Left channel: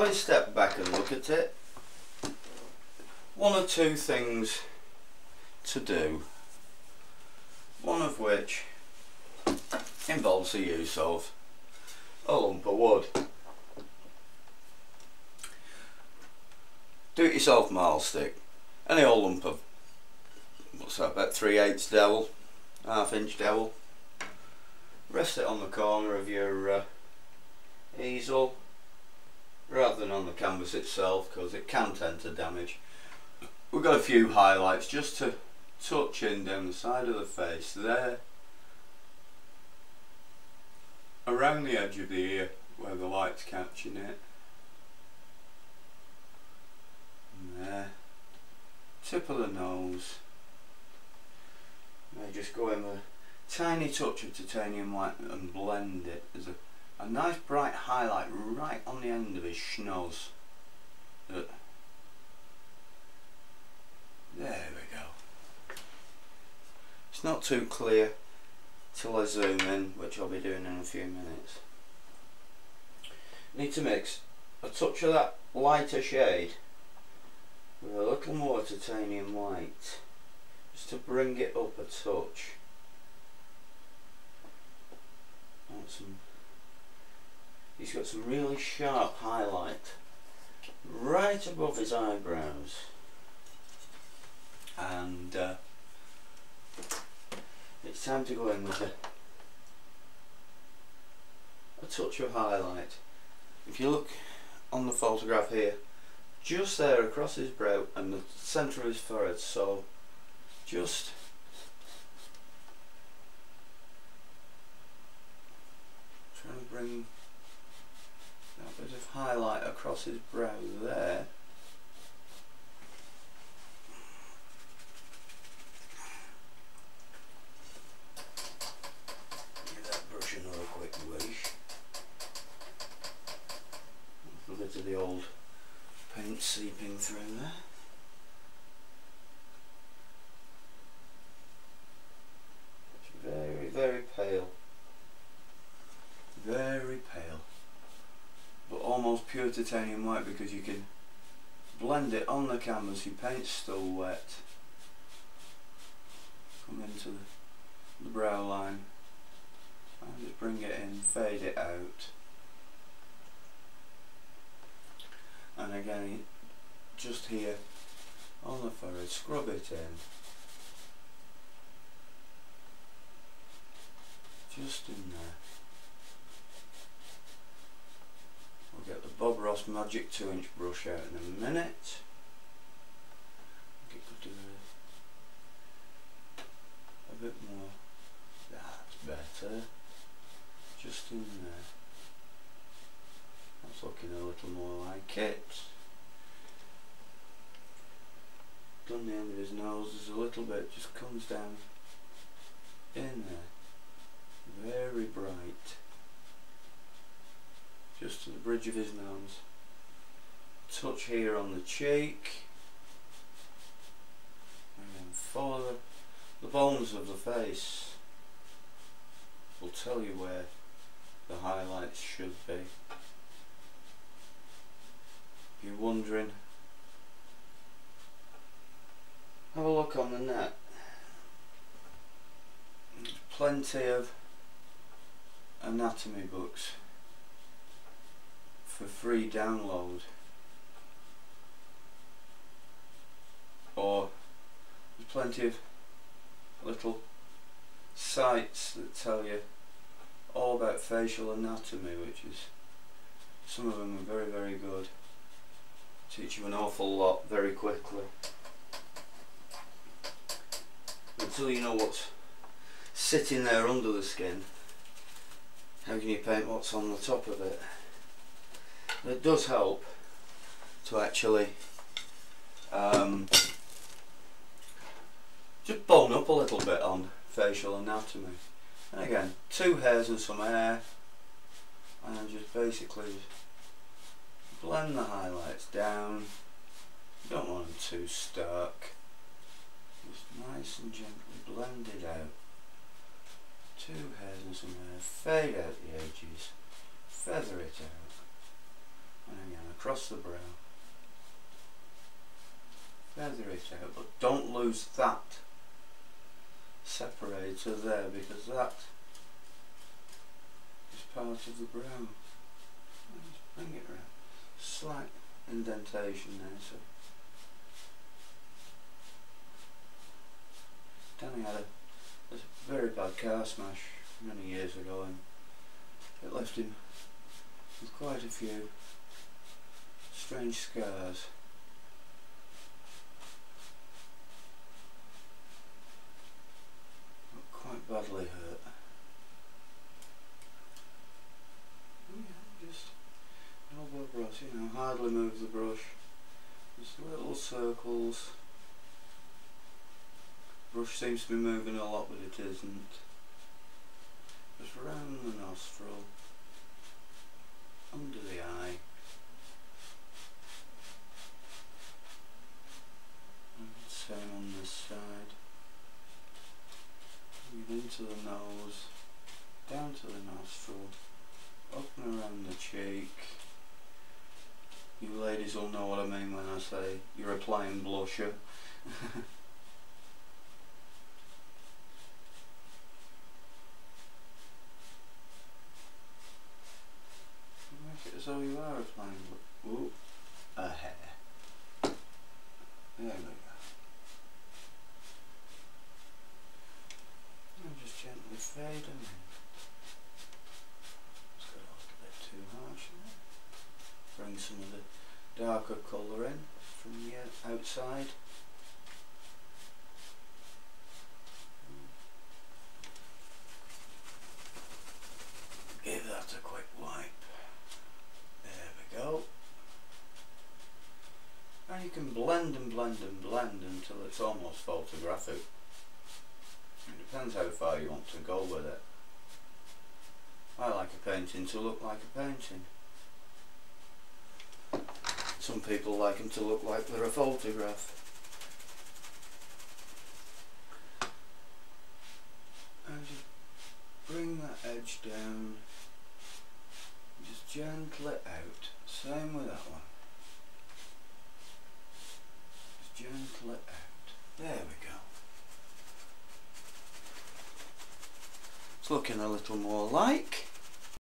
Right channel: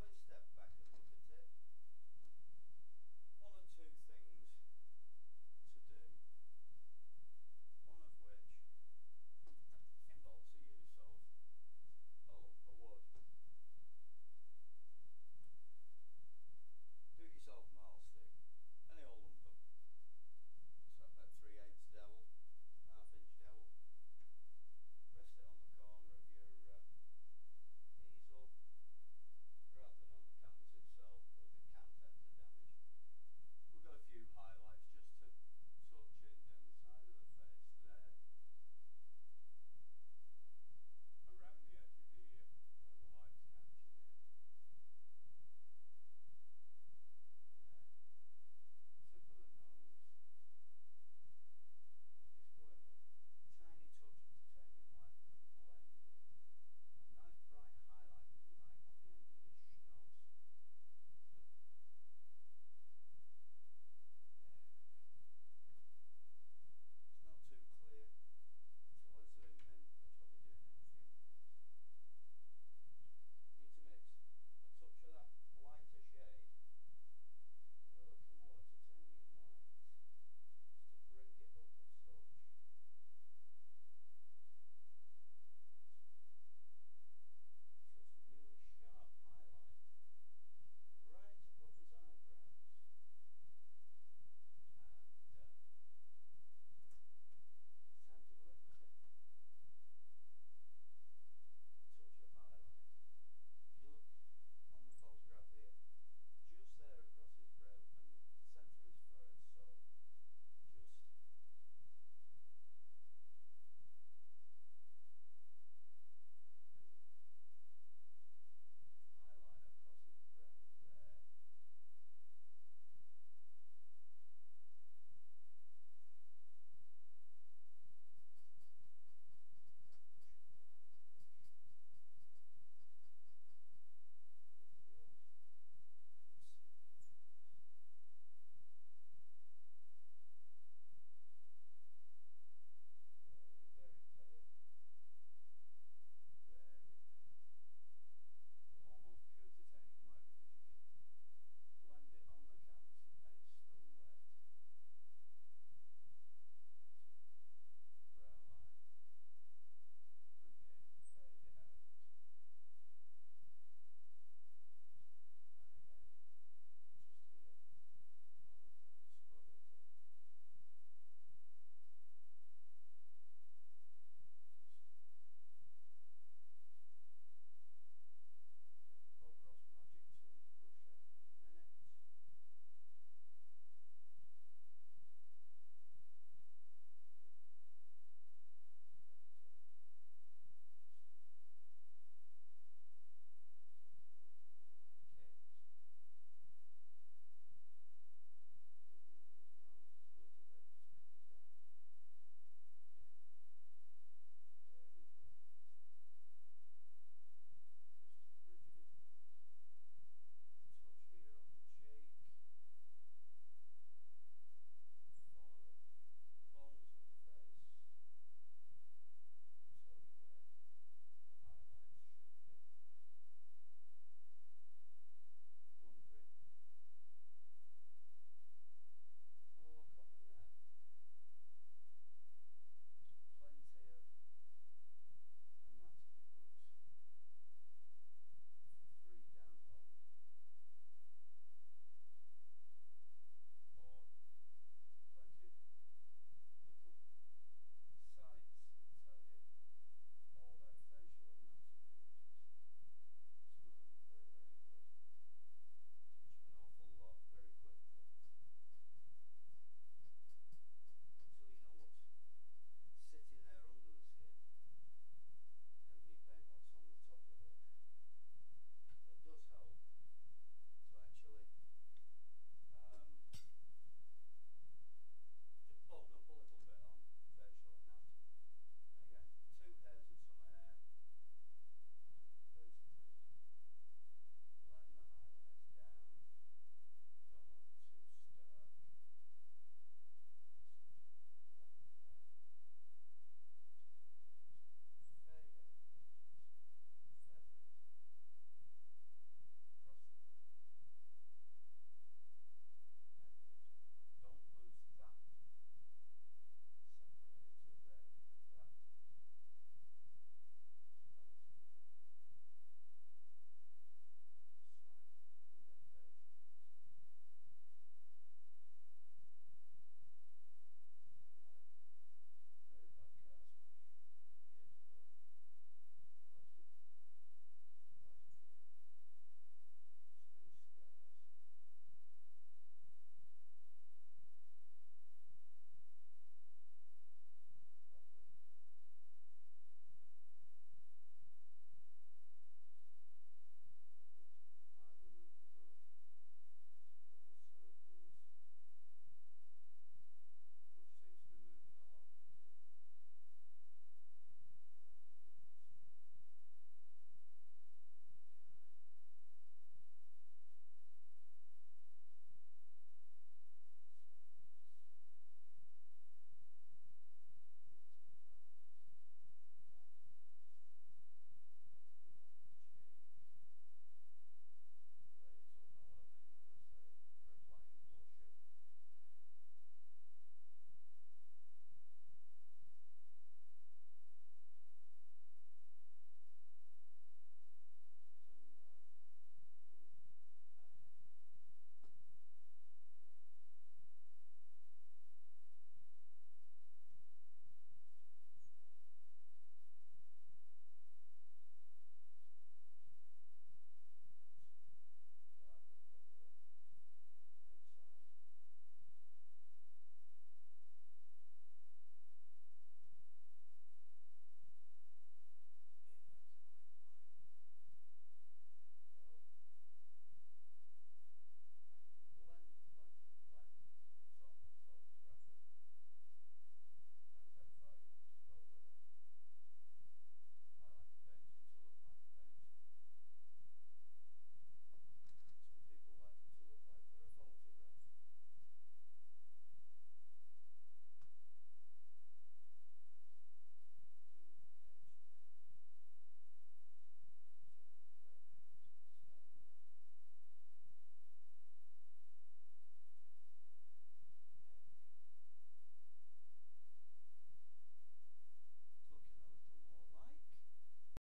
having stepped back and look at it, one or two things to do, one of which involves the use of a lump of wood. Do it yourself marl stick, any old lump of, what's that, about 3/8 dowel, 1/2 inch dowel. Rest it on the corner of your easel rather than on the canvas itself, because it can tend to damage. We've got a few highlights just to touch in down the side of the face there, around the edge of the ear where the light's catching it, and there, tip of the nose. May just go in with a tiny touch of titanium white and blend it. There's a nice bright highlight right on the end of his schnoz. There we go. It's not too clear till I zoom in, which I'll be doing in a few minutes. Need to mix a touch of that lighter shade with a little more titanium white, just to bring it up a touch. He's got some really sharp highlight right above his eyebrows, and it's time to go in with a touch of highlight. If you look on the photograph here, just there across his brow and the centre of his forehead, so just trying to bring that bit of highlight across his brow there. Give that brush another quick wish. A bit of the old paint seeping through there. It's very, very pale. Very pale. But almost pure titanium white, because you can blend it on the canvas. Your paint's still wet. Come into the brow line and just bring it in, fade it out. And again, just here on the forehead, scrub it in. Just in there. We'll get the Bob Ross Magic 2-inch brush out in a minute. It could do a bit more. That's better. Just in there. That's looking a little more like it. Done the end of his nose, there's a little bit just comes down in there. Very bright. Just to the bridge of his nose. Touch here on the cheek. And then follow the bones of the face. Will tell you where the highlights should be. If you're wondering, have a look on the net. There's plenty of anatomy books for free download, or there's plenty of little sites that tell you all about facial anatomy, which is, some of them are very, very good. Teach you an awful lot very quickly. Until you know what's sitting there under the skin, how can you paint what's on the top of it? It does help to actually just bone up a little bit on facial anatomy. And again, 2 hairs and some hair, and just basically blend the highlights down. You don't want them too stark. Just nice and gently blend it out. 2 hairs and some hair. Fade out the edges. Feather it out. And again, across across the brow. Feather it out, but don't lose that separator there, because that is part of the brow. Just bring it around. Slight indentation there, so Danny had a very bad car smash many years ago, and it left him with quite a few strange scars. Quite badly hurt. Yeah, just elbow brush, you know, hardly move the brush. Just little circles. Brush seems to be moving a lot, but it isn't. Just round the nostril, under the eye, and same on this side. Into the nose, down to the nostril, up and around the cheek. You ladies will know what I mean when I say you're applying blusher. Make it as though you are applying blusher. Ooh, a hair. There we go. Gently fade them in. It's got a little bit too harsh there. Bring some of the darker colour in from the outside. Give that a quick wipe. There we go. And you can blend and blend and blend until it's almost photographic. Depends how far you want to go with it. I like a painting to look like a painting. Some people like them to look like they're a photograph. And just bring that edge down. Just gently out. Same with that one. Just gently out. There we go. Looking a little more like.